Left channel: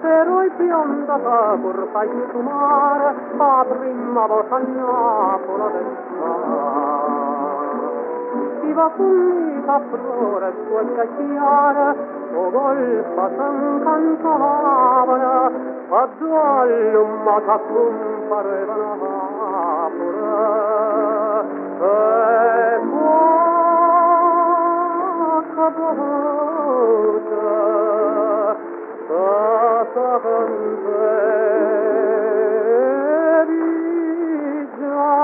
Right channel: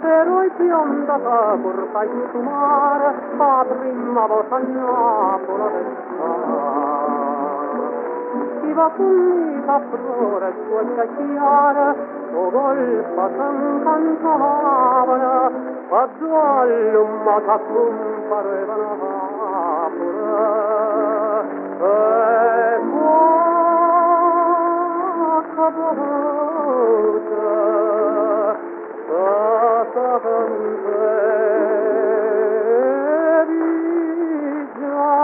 però il bionda pur fai sfumare a prima volta a Napoli del Stiva fumica flore sue chiare, o golfa s'ancantavano, a giallo t'accomparavano pure. E poca voce, cantevi già.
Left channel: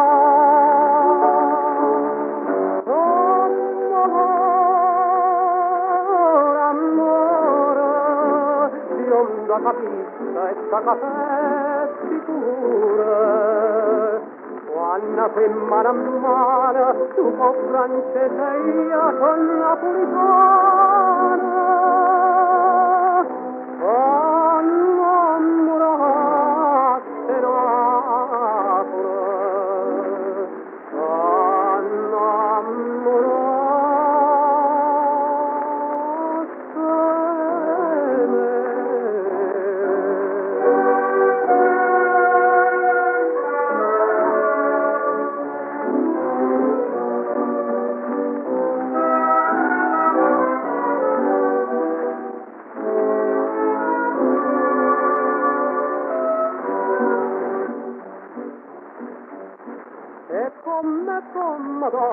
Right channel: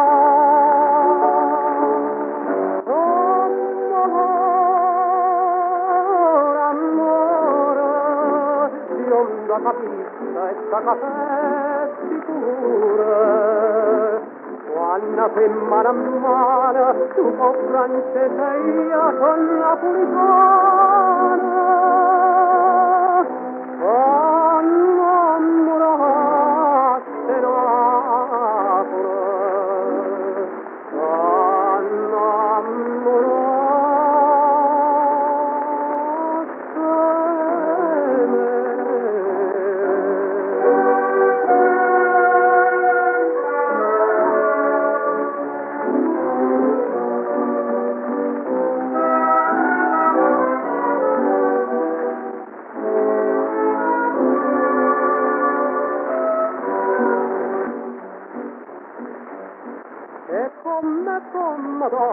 Da capista e da capetti pure quando sei mano a mano tu con francese e io con napolitano annamoraste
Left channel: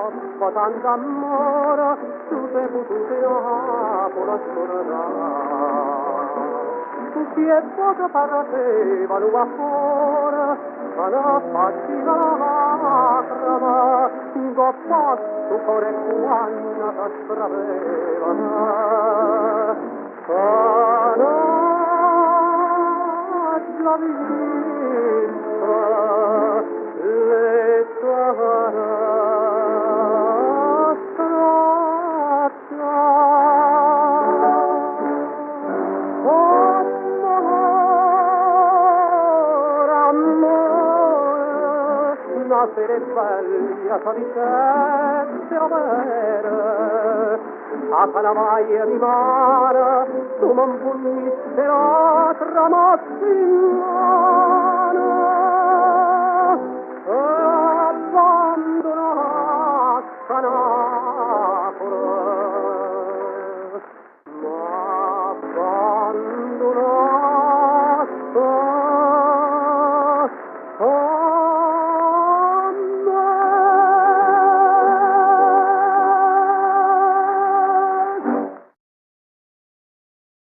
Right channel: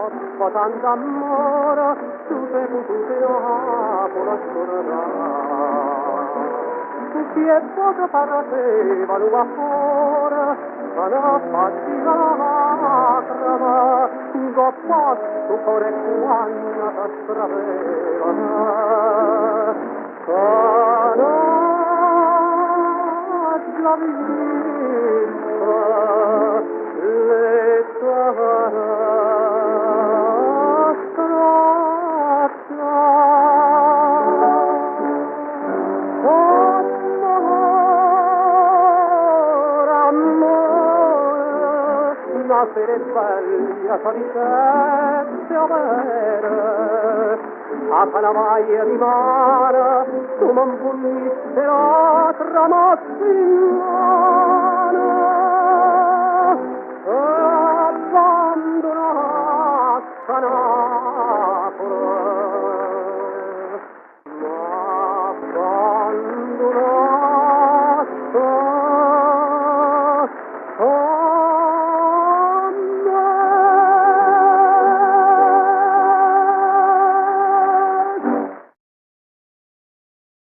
Napoli con d'amore tu per Napoli chi è poco paroteva l'uva fuori sarà facile lacrima da posto cuore quando da straveva sarà già vista le sarà se bella sorricette avere a calamai rimara tu non punisce altra mattina